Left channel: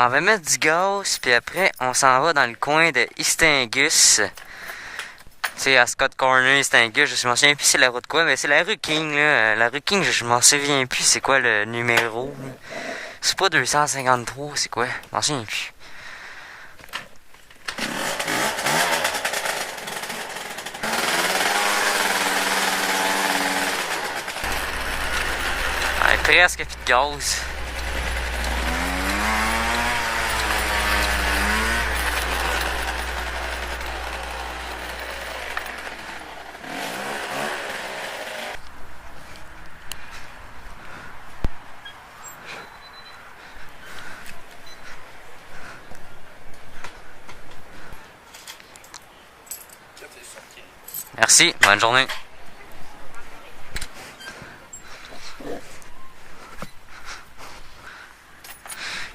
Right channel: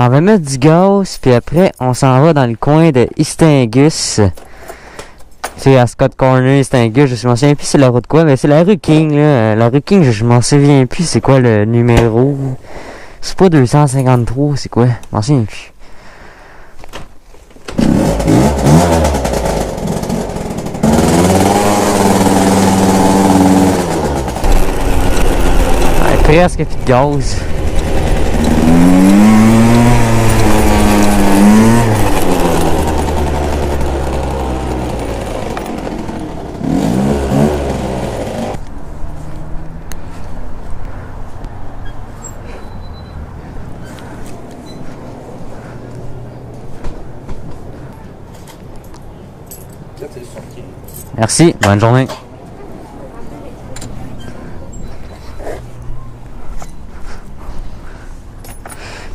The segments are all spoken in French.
m'en va mettre du gaz, puis après, on s'en va dans le coin de Istingus. C'est à Scott Corner, Istingus, je m'en souviens plus c'est la route quoi, mais c'est la rue King, là. La rue King, je m'en souviens plus c'est quoi le numéro. C'est pas 253, c'est quoi? Je m'en souviens plus. Ouais, presque plus de gaz. Merci, bonne journée.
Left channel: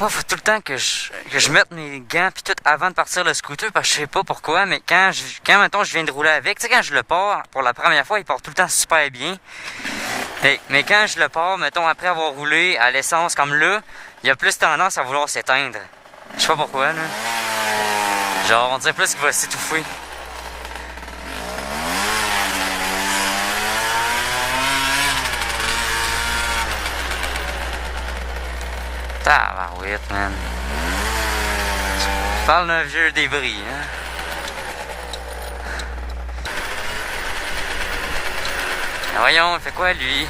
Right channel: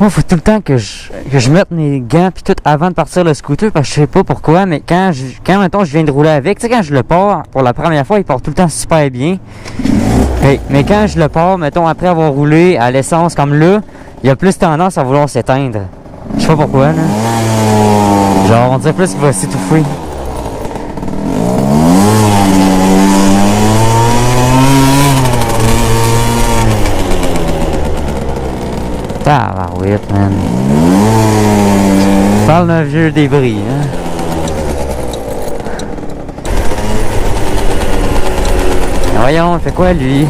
Moi, faut tout le temps que je mette mes gants puis tout avant de partir le scooter parce que je sais pas pourquoi, mais quand mettons, je viens de rouler avec, tu sais, quand je le pars pour la première fois, il part tout le temps super bien. Mais quand je le pars, mettons, après avoir roulé à l'essence comme là, il y a plus tendance à vouloir s'éteindre. Je sais pas pourquoi, là. Genre, on dirait plus qu'il va s'étouffer. Tabarouette, man. Je parle d'un vieux débris, hein. Voyons, il fait quoi, lui?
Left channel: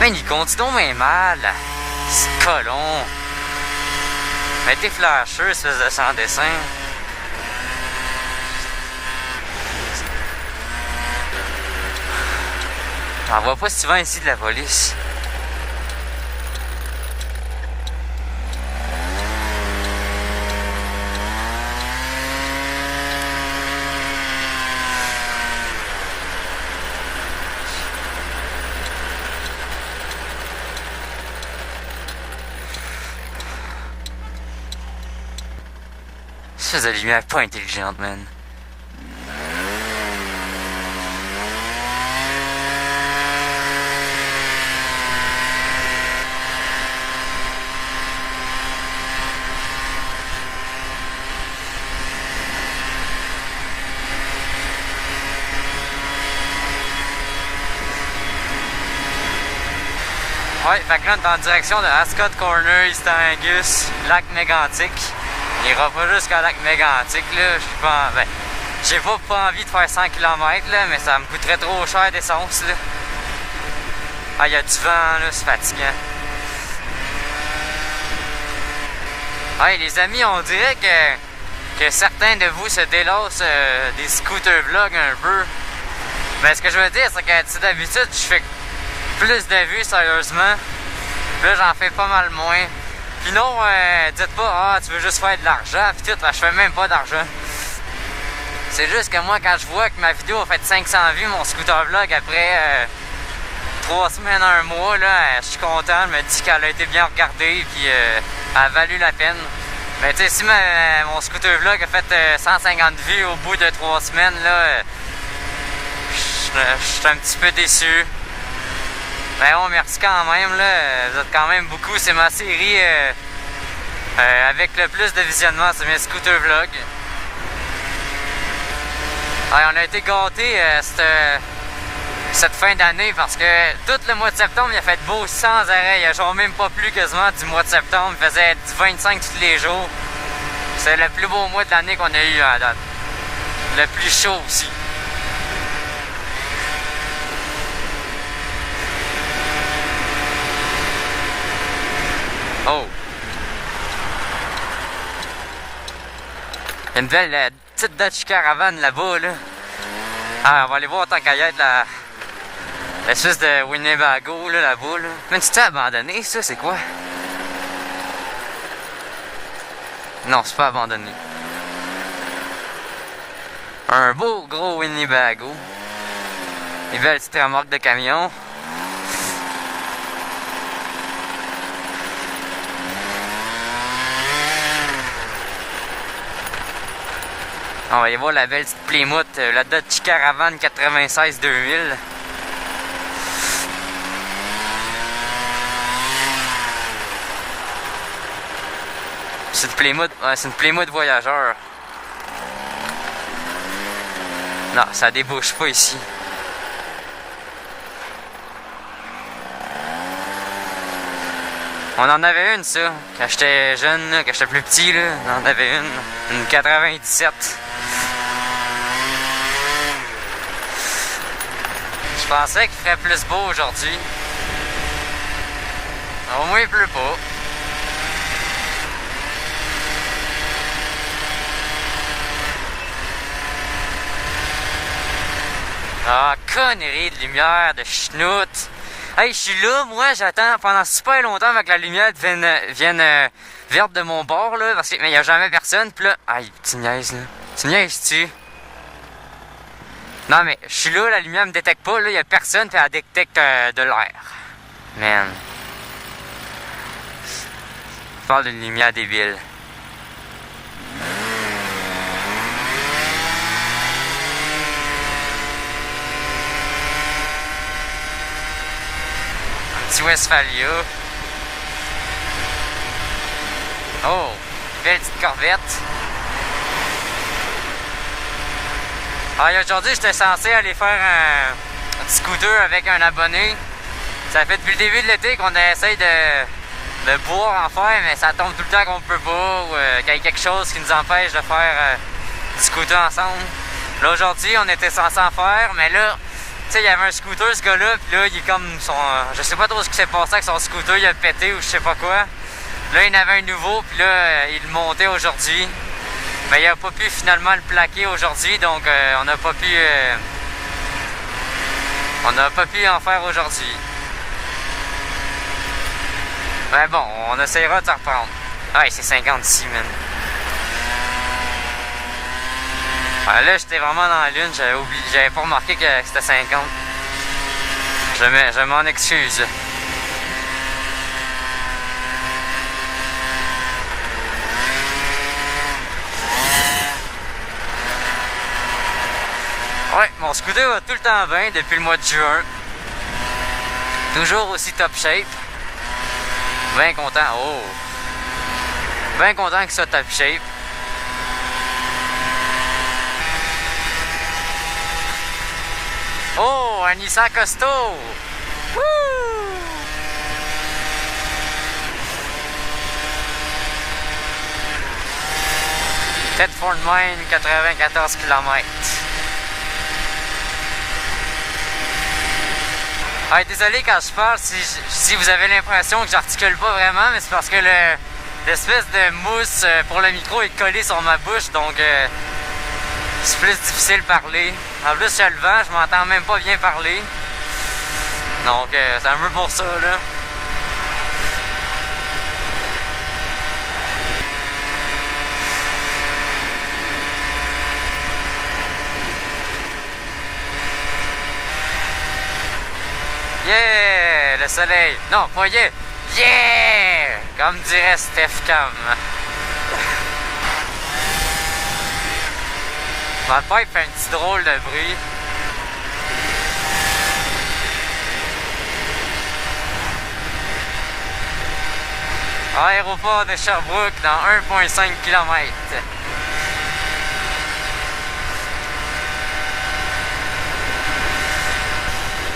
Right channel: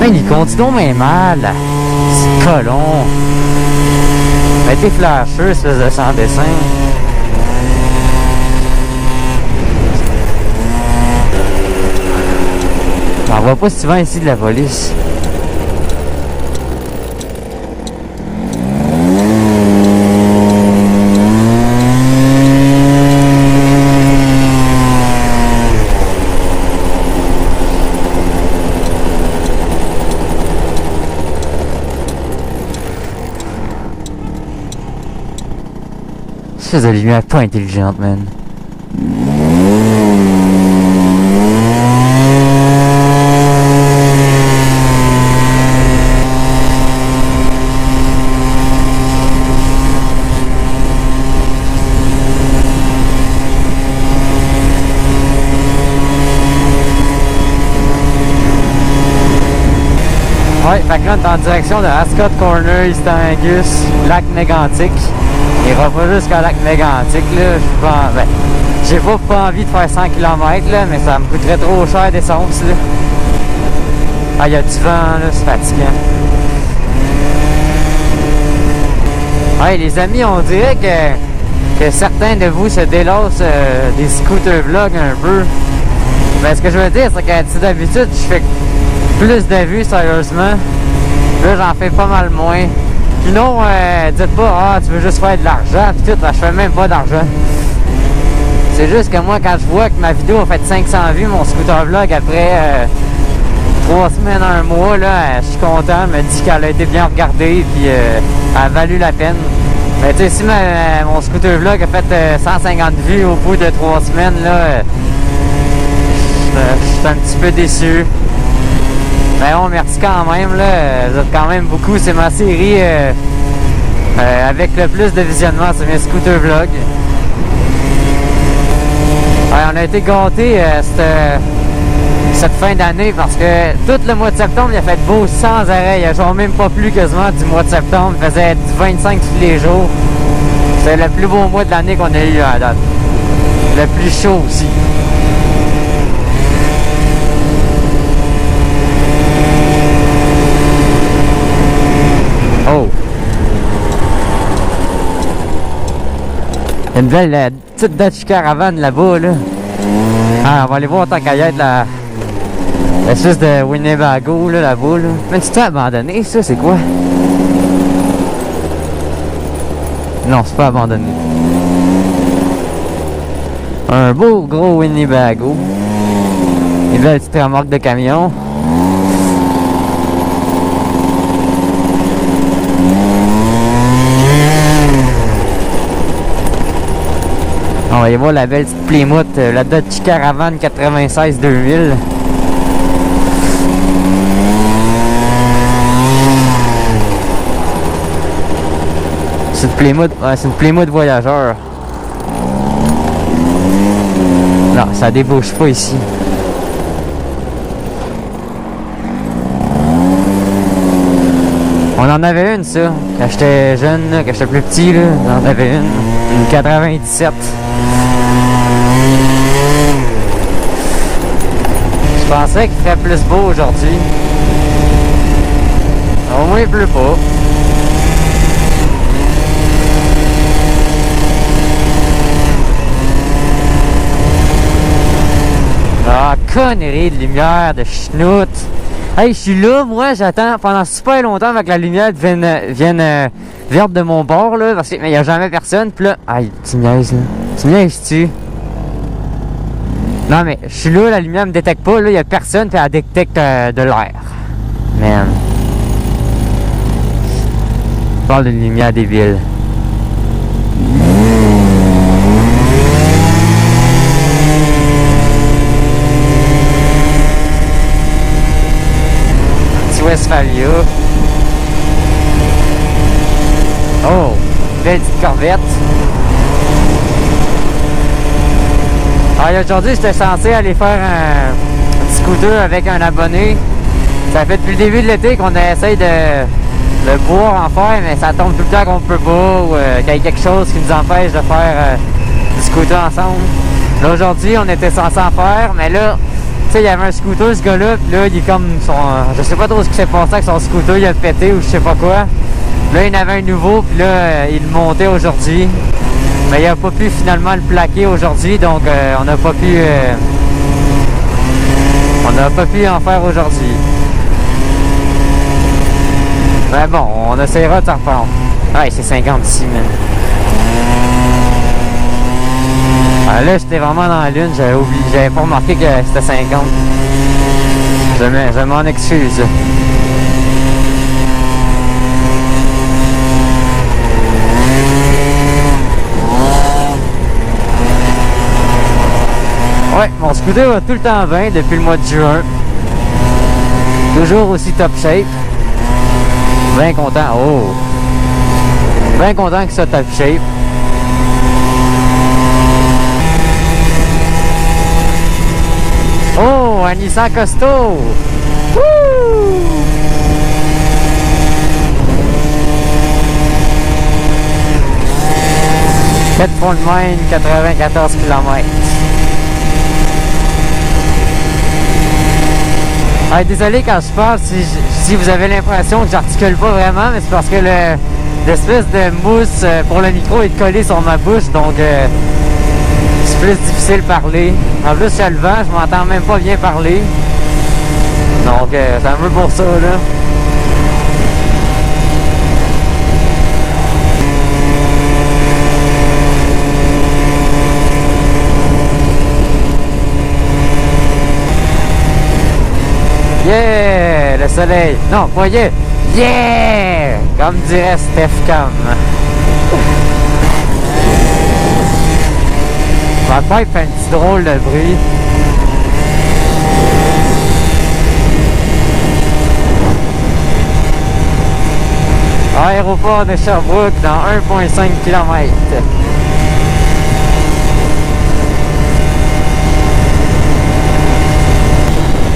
Man, il conduit donc bien mal. C'est colon. Mais t'es flasheux, espèce de sans dessin. On voit pas souvent ici de la police. Espèce de lumière pas intelligente, man. Ouais, fait que là, on est en direction de Ascot Corner, Istingus, lac Mégantic. Il ira pas jusqu'à lac Mégantic, là. J'ai pas envie de faire 100 km, là, mais ça me coûterait trop cher d'essence, là. Ah, il y a du vent, là, c'est fatigant. Ouais, les amis, on dirait que certains de vous se délassent des scooter vlogs un peu. Ben, ce que je veux dire, c'est que d'habitude, je fais plus de vues, sérieusement. Là, j'en fais pas mal moins. Puis non, dites pas, tu veux juste faire de l'argent, pis tout, je fais même pas d'argent. C'est juste que moi, quand je vois que ma vidéo a fait 500 vues, mon scooter vlog, après 3 semaines, 1 mois, là, je suis content, je me dis qu'elle a été bien regardée, puis elle a valu la peine. Mais tu sais, si mon scooter vlog a fait 150 vues au bout de 3 semaines, là, je suis un petit peu déçu. Ben bon, merci quand même, là. Vous êtes quand même beaucoup. C'est ma série avec le plus de visionnement sur mes scooter vlogs. Ouais, on a été gâtés cette fin d'année parce que tout le mois de septembre, il a fait beau sans arrêt. Il a genre même pas plu quasiment du mois de septembre. Il faisait du 25 tous les jours. C'est le plus beau mois de l'année qu'on a eu à date. Le plus chaud aussi. Oh! Une belle petite Dodge Caravan là-bas, là. Ah, on va aller voir tant qu'à y être l'espèce de Winnebago, là-bas, là. Mais tu t'es abandonné, ça, c'est quoi? Non, c'est pas abandonné. Un beau gros Winnebago. Une belle petite remorque de camion. va y voir la belle petite Plymouth, la Dodge Caravan 96 2000. C'est une Plymouth voyageur. Non, ça débouche pas ici. On en avait une, ça. Quand j'étais jeune, là, quand j'étais plus petit, là, on en avait une 97. Je pensais qu'il ferait plus beau aujourd'hui. Au moins, il pleut pas. Ah, connerie de lumière, de schnout. Hey, je suis là, moi, j'attends pendant super longtemps avec la lumière vienne verte de mon bord, là, parce qu'il n'y a jamais personne. Puis là, aïe, tu niaises, là. Tu niaises-tu? Non, mais je suis là, la lumière me détecte pas, là, il n'y a personne, puis elle détecte de l'air. Man. Je parle d'une lumière débile. Westphalia. Oh, belle petite Corvette. Alors aujourd'hui, j'étais censé aller faire un petit scooter avec un abonné. Ça fait depuis le début de l'été qu'on essaye de pouvoir en faire, mais ça tombe tout le temps qu'on peut pas ou qu'il y a quelque chose qui nous empêche de faire du scooter ensemble. Là aujourd'hui, on était censé en faire, mais là, tu sais, il y avait un scooter, ce gars-là, pis là, il est comme son... je sais pas trop ce qui s'est passé avec son scooter, il a pété ou je sais pas quoi. Là, il en avait un nouveau, puis là, il le montait aujourd'hui. Mais il a pas pu finalement le plaquer aujourd'hui, donc on n'a pas pu... on n'a pas pu en faire aujourd'hui. Mais bon, on essaiera de s'en reprendre. Ouais, c'est 56, man. Ah, là, j'étais vraiment dans la lune, j'avais pas remarqué que c'était 50. Je m'en excuse. Ouais, mon scooter va tout le temps bien depuis le mois de juin. Toujours aussi top shape. Bien content. Oh! Bien content que ça soit top shape. Oh, un Nissan costaud! Wouh! Bedford Mine, 94 km. Ah, désolé quand je parle si vous avez l'impression que j'articule pas vraiment, mais c'est parce que l'espèce de mousse pour le micro est collée sur ma bouche, donc c'est plus difficile de parler. En plus, il y a le vent, je m'entends même pas bien parler. Donc, c'est un peu pour ça, là. Yeah! Le soleil! Non, pas yeah! Yeah! Comme dirait Steph Cam. Ma pipe fait un petit drôle de bruit. Aéroport de Sherbrooke dans 1,5 km.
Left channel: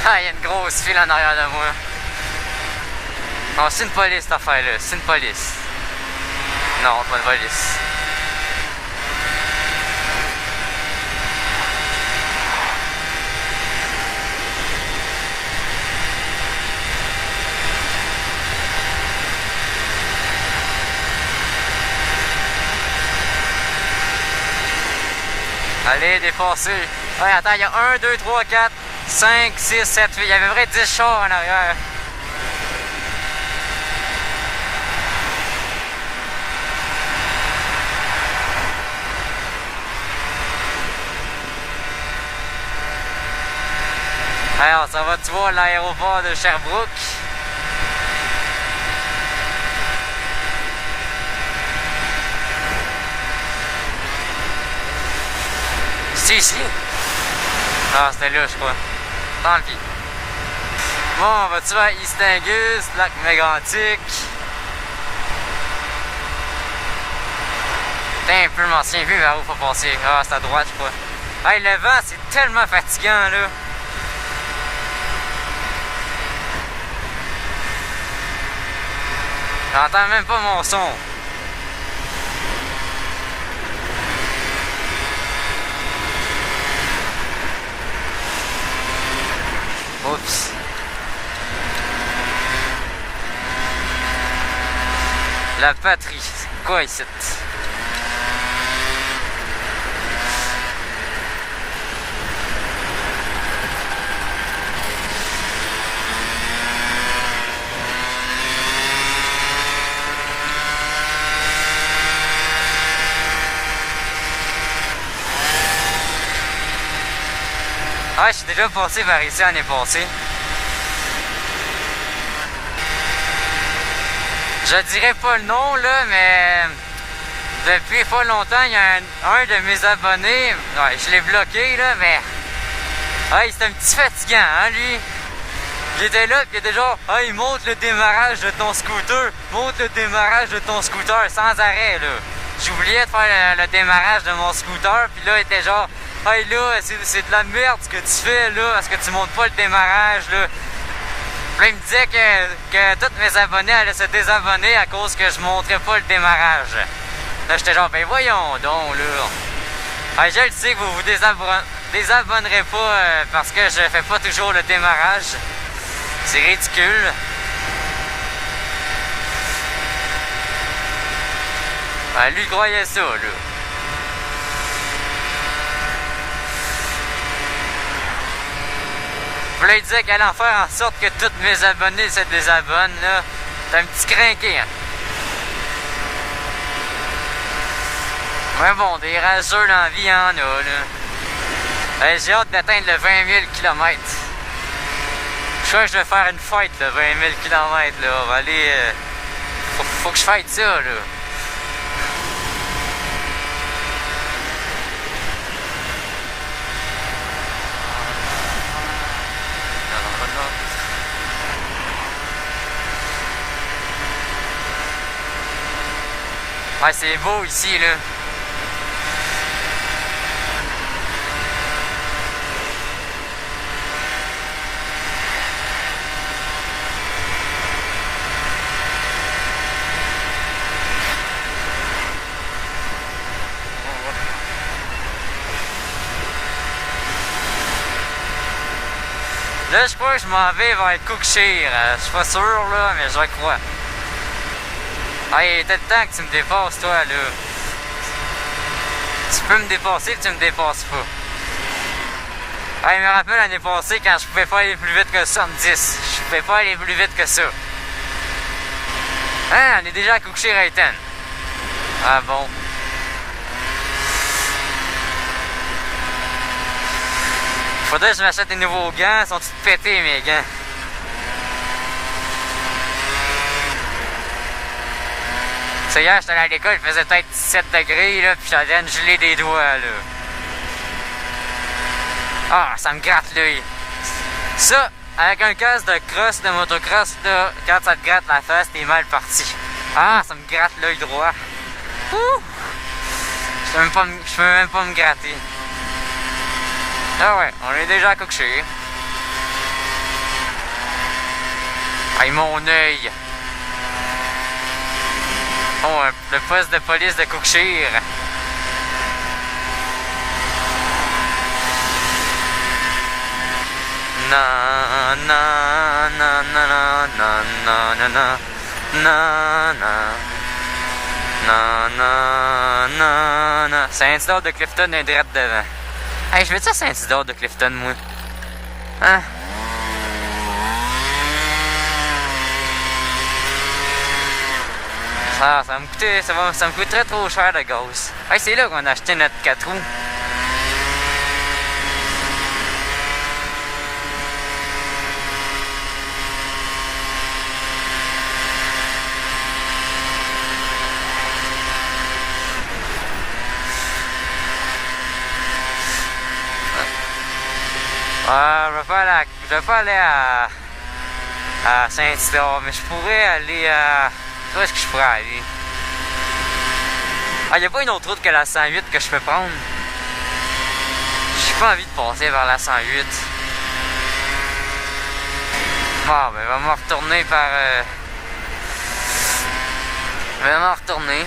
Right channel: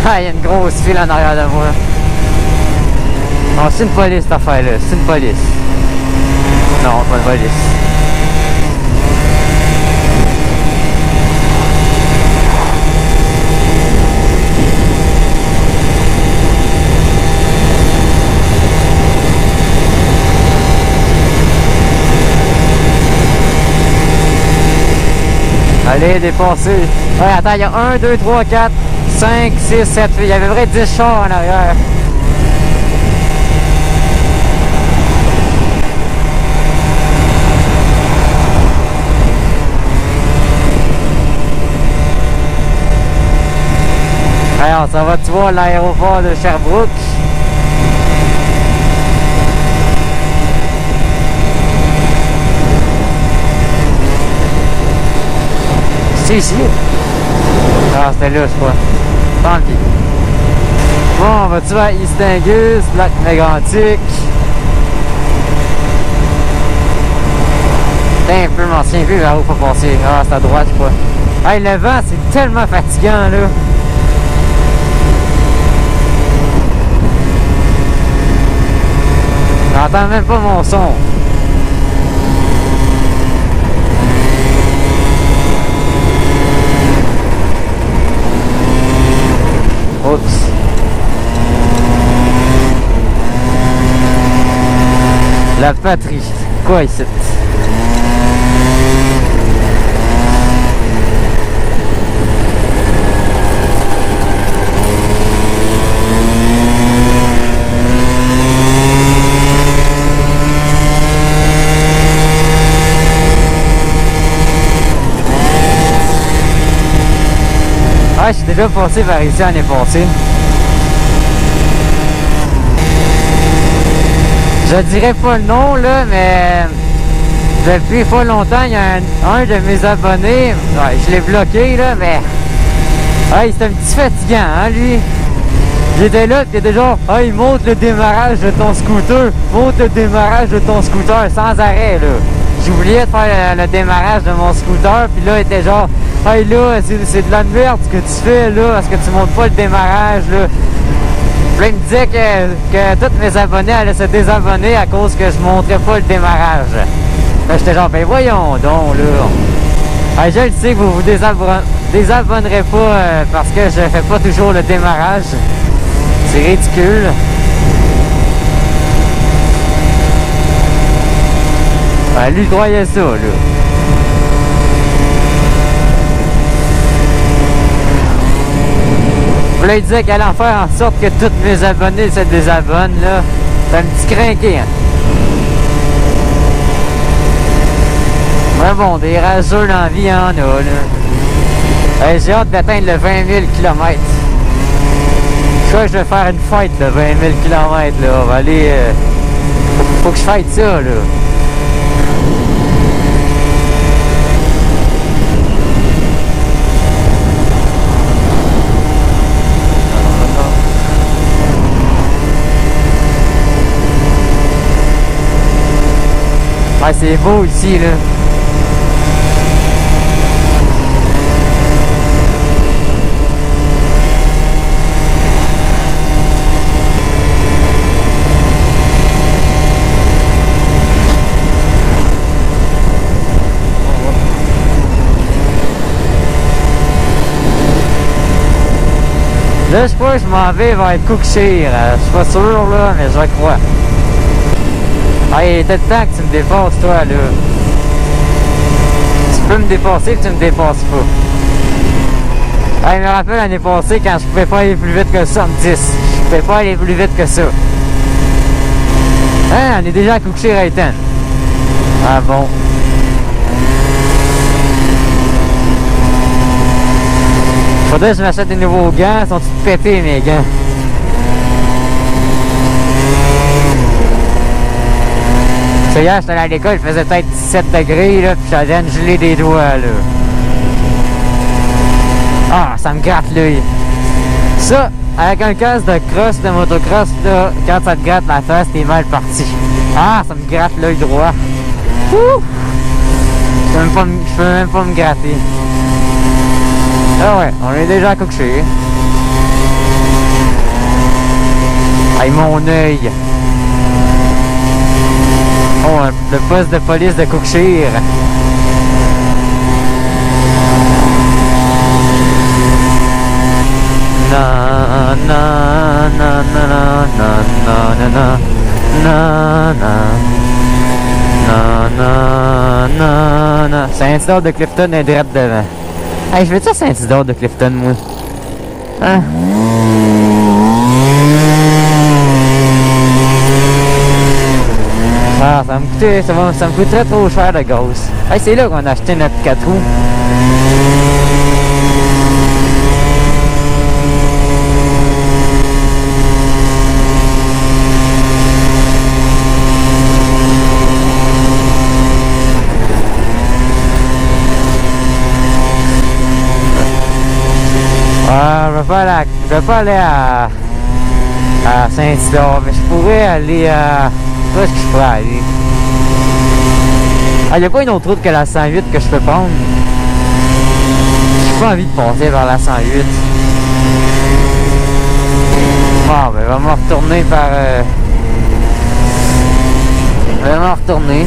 Ah, il y a une grosse file en arrière de moi. Oh, c'est une police cette affaire-là. C'est une police. Non, pas une police. Allez, dépasser. Ouais, attends, il y a 1, 2, 3, 4, 5, 6, 7, 8. Il y avait vrai 10 chars en arrière. Alors, ça va-tu voir l'aéroport de Sherbrooke? C'est ici. Ah, c'était là, je crois. Tant pis. Bon, on va-tu vers East Angus, lac Mégantic? Putain, un peu, je m'en souviens plus vers où faut passer. Ah, c'est à droite, je crois. Hey, le vent, c'est tellement fatigant, là. J'entends même pas mon son. Oups. La patrie. C'est quoi ici? Ah, je suis déjà passé par ici l'année passée. Je dirais pas le nom, là, mais depuis pas longtemps, il y a un de mes abonnés, ouais, je l'ai bloqué, là, mais hey, c'est un petit fatigant, hein, lui. J'étais là, pis il était genre, hey, monte le démarrage de ton scooter, monte le démarrage de ton scooter, sans arrêt, là. J'oubliais de faire le démarrage de mon scooter, puis là, il était genre, hey, là, c'est de la merde ce que tu fais, là, parce que tu montes pas le démarrage, là. Puis là, il me disait que tous mes abonnés allaient se désabonner à cause que je montrais pas le démarrage. Là, j'étais genre, ben voyons donc, là. Hey, je le sais que vous vous désabonnerez pas parce que je fais pas toujours le démarrage. C'est ridicule. Ben, lui, il croyait ça, là. Puis là, il disait qu'elle allait en faire en sorte que tous mes abonnés se désabonnent, là. C'est un petit crinqué, hein. Ouais, bon, des rageux dans la vie, il y en a, là. J'ai hâte d'atteindre le 20 000 km. Je crois que je vais faire une fête, le 20 000 km, là. On va aller... faut que je fête ça, là. Ouais, c'est beau ici, là. Là, je crois que je m'en vais vers Cookshire. Je suis pas sûr, là, mais je crois. Ah, il était le temps que tu me dépasses, toi, là. Tu peux me dépasser, tu me dépasses pas. Ah, il me rappelle l'année passée quand je pouvais pas aller plus vite que ça en 10. Je pouvais pas aller plus vite que ça. Hein, on est déjà à Cookshire à Ethan. Ah bon. Faudrait que je m'achète des nouveaux gants. Ils sont tous pétés, mes gants. Ça, hier, j'étais allé à l'école, il faisait peut-être 17 degrés, là, puis j'allais à me geler des doigts, là. Ah, ça me gratte l'œil. Ça, avec un casque de cross, de motocross, là, quand ça te gratte la face, t'es mal parti. Ah, ça me gratte l'œil droit. Ouh! Je peux même pas me gratter. Ah ouais, on est déjà à Cookshire. Aïe, mon œil. Oh, le poste de police de Cookshire. Na na na na na na na na na na na na na. Saint-Isidore de Clifton est direct devant. Hey, je vais-tu à Saint-Isidore de Clifton, moi? Hein? Ah, ça me coûterait trop cher de gaz. Hey, c'est là qu'on a acheté notre 4 roues. je vais pas aller à Saint-Isidore, mais je pourrais aller à... Où est-ce que je pourrais aller? Ah, il n'y a pas une autre route que la 108 que je peux prendre. J'ai pas envie de passer vers la 108. Ah, ben, vraiment retourner par... Vraiment retourner.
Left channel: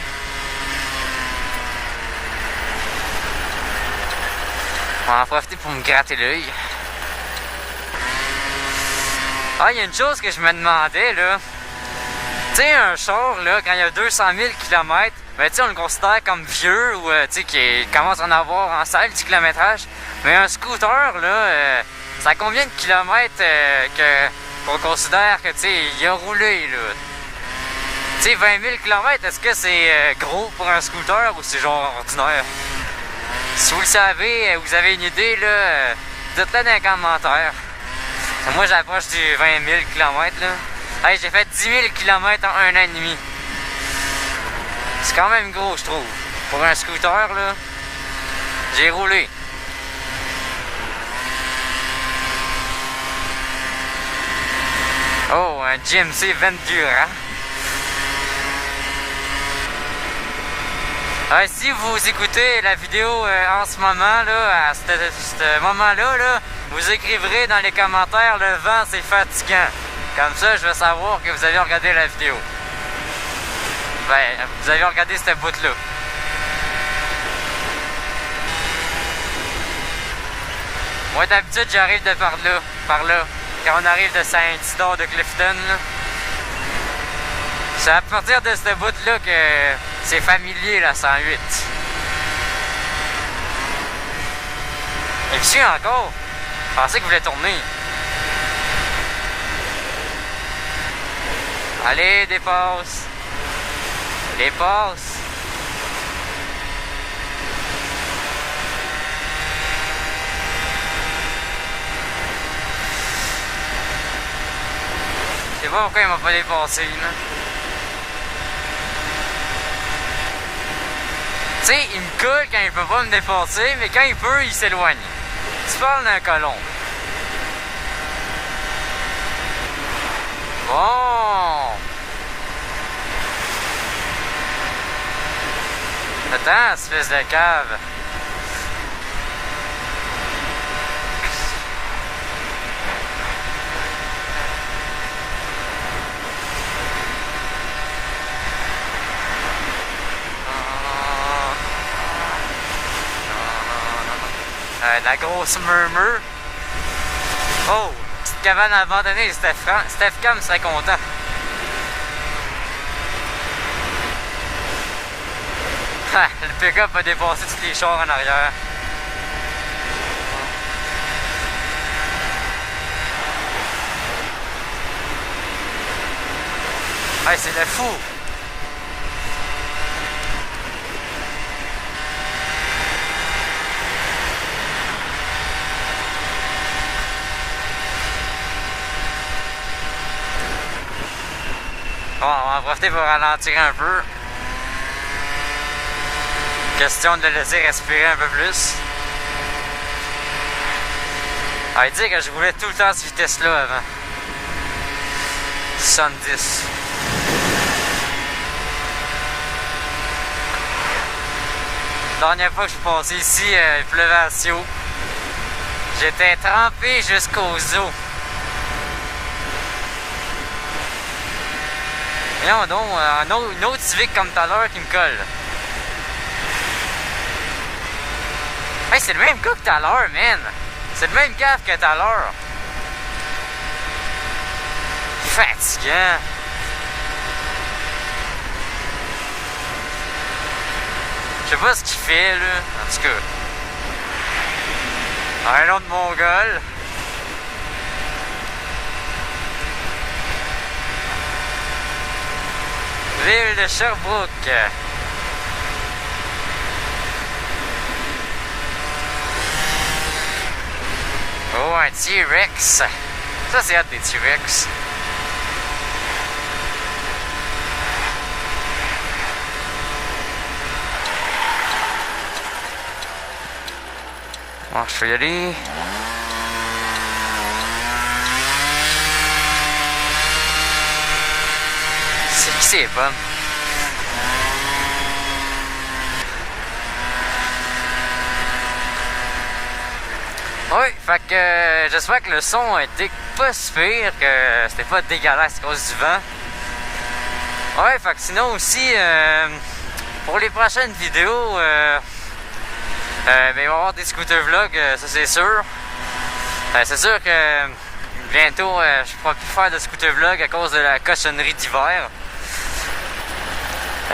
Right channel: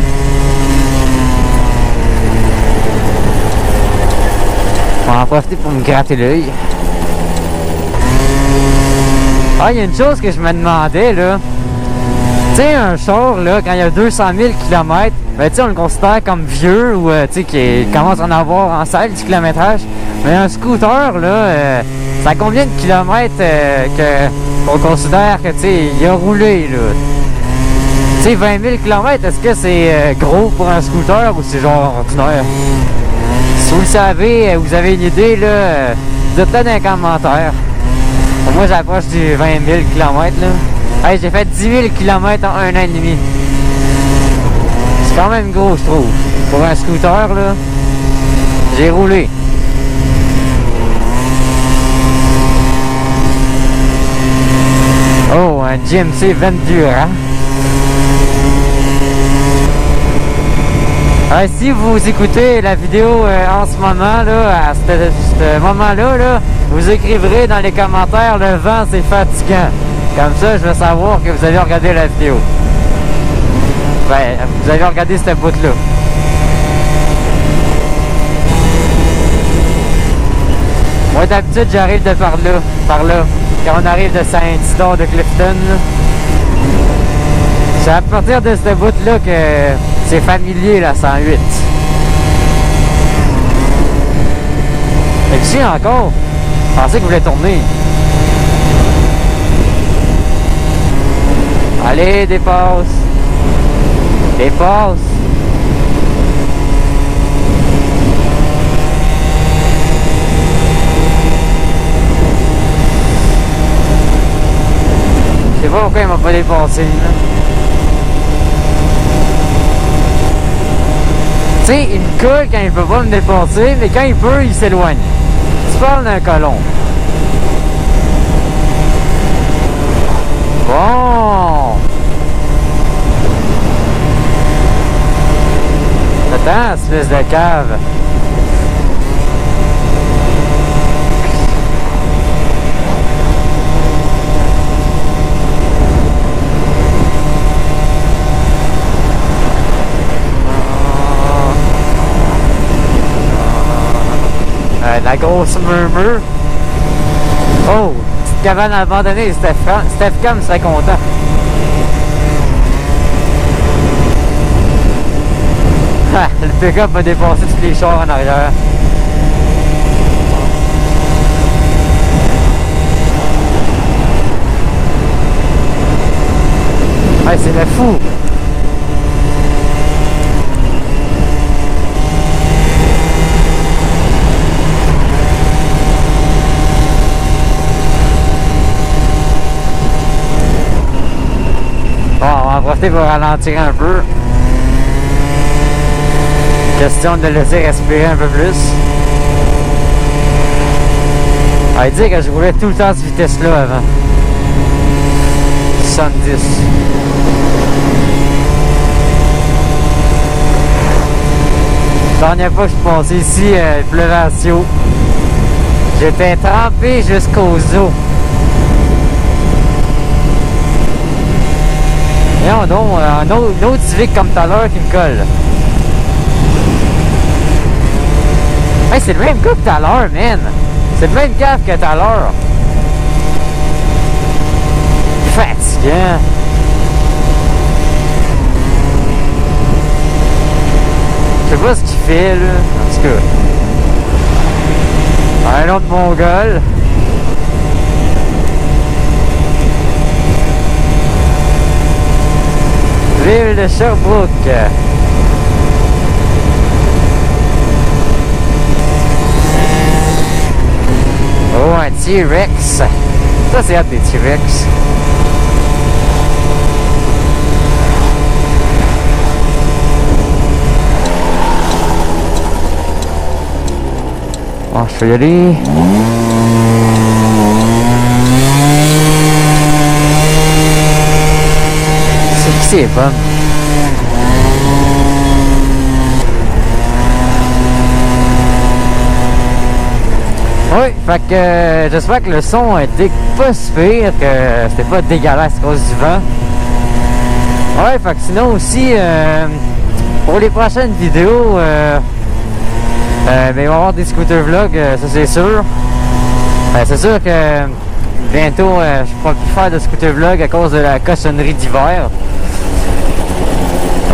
On va en profiter pour me gratter l'œil. Ah, il y a une chose que je me demandais, là. Tu sais, un char, là, quand il y a 200 000 km, ben, tu sais, on le considère comme vieux ou, tu sais, qui commence à en avoir en salle du kilométrage. Mais un scooter, là, ça a combien de kilomètres qu'on considère que, tu sais, il a roulé, là? Tu sais, 20 000 km, est-ce que c'est gros pour un scooter ou c'est genre ordinaire? Si vous le savez, vous avez une idée, là, dites-le dans les commentaires. Moi, j'approche du 20 000 km, là. Hey, j'ai fait 10 000 km en 1 an et demi. C'est quand même gros, je trouve. Pour un scooter, là, j'ai roulé. Oh, un GMC Vendura. Si vous écoutez la vidéo en ce moment, là, à ce moment-là, là, vous écriverez dans les commentaires « Le vent, c'est fatigant ». Comme ça, je vais savoir que vous avez regardé la vidéo. Ben, vous avez regardé cette bout-là. Moi, d'habitude, j'arrive de par là. Quand on arrive de Saint-Isidore de Clifton, là. C'est à partir de cette bout-là que c'est familier, la 108. Et puis si encore, je pensais que vous voulez tourner. Allez, dépasse. Dépasse. Je sais pas pourquoi il m'a pas dépassé, là. Tu sais, il me colle quand il peut pas me dépasser, mais quand il peut, il s'éloigne. Tu parles d'un colon. Bon. Attends, espèce de cave. La grosse murmure. Oh, petite cabane abandonnée, Steph Cam serait content. Le pick-up a dépassé tous les chars en arrière. Ouais, c'est le fou. Bon, on va en profiter pour ralentir un peu. Question de le laisser respirer un peu plus. Ah, il dit que je roulais tout le temps à cette vitesse-là avant. 70. La dernière fois que je suis passé ici, il pleuvait à Sio. J'étais trempé jusqu'aux os. Voyons donc, une autre Civic comme tout à l'heure qui me colle. Hey, c'est le même gars que tout à l'heure, man. C'est le même cave que tout à l'heure. Fatigant. Je sais pas ce qu'il fait, là. En tout cas. Un autre Mongol. Ville de Sherbrooke. Oh, un T-Rex. Ça, c'est hâte des T-Rex. Bon, je vais y aller. c'est bon. Oui, fait que j'espère que le son était pas si pire, que c'était pas dégueulasse à cause du vent. Ouais, fait que sinon aussi, pour les prochaines vidéos, ben, il va y avoir des scooter vlogs, ça c'est sûr. C'est sûr que bientôt, je ne pourrai plus faire de scooter vlog à cause de la cochonnerie d'hiver.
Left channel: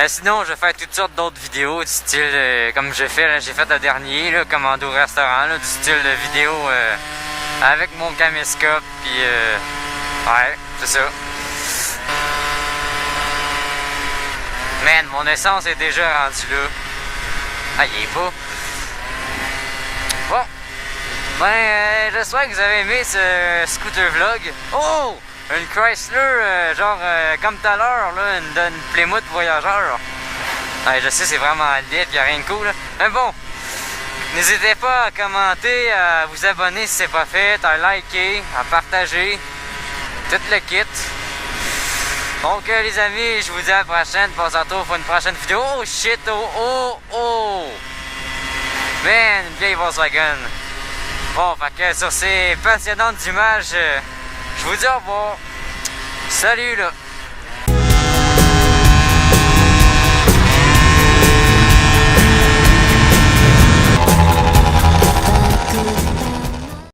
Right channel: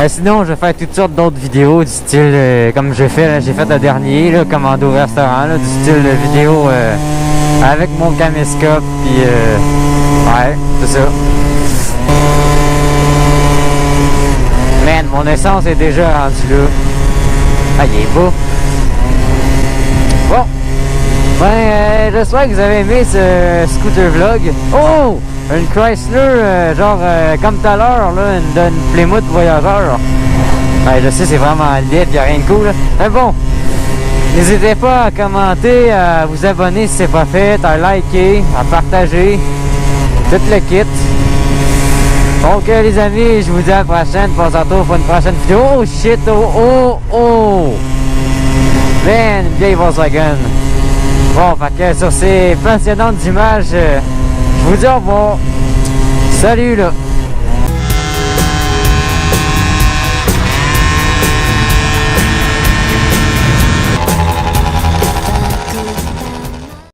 Sinon, je vais faire toutes sortes d'autres vidéos du style, comme j'ai fait le dernier, là, commando au restaurant, là, du style de vidéo avec mon caméscope, puis ouais, c'est ça. Man, mon essence est déjà rendue là. Ah, il est beau. Bon. Ben, j'espère que vous avez aimé ce scooter vlog. Oh! Une Chrysler, comme tout à l'heure, là, une Plymouth Voyageur. Ouais, je sais, c'est vraiment laid, y'a rien de cool, là. Mais bon, n'hésitez pas à commenter, à vous abonner si c'est pas fait, à liker, à partager, tout le kit. Donc, les amis, je vous dis à la prochaine. On se retrouve pour une prochaine vidéo. Oh shit, oh! Man, une vieille Volkswagen. Bon, fait que sur ces passionnantes images, je vous dis au revoir. Salut là!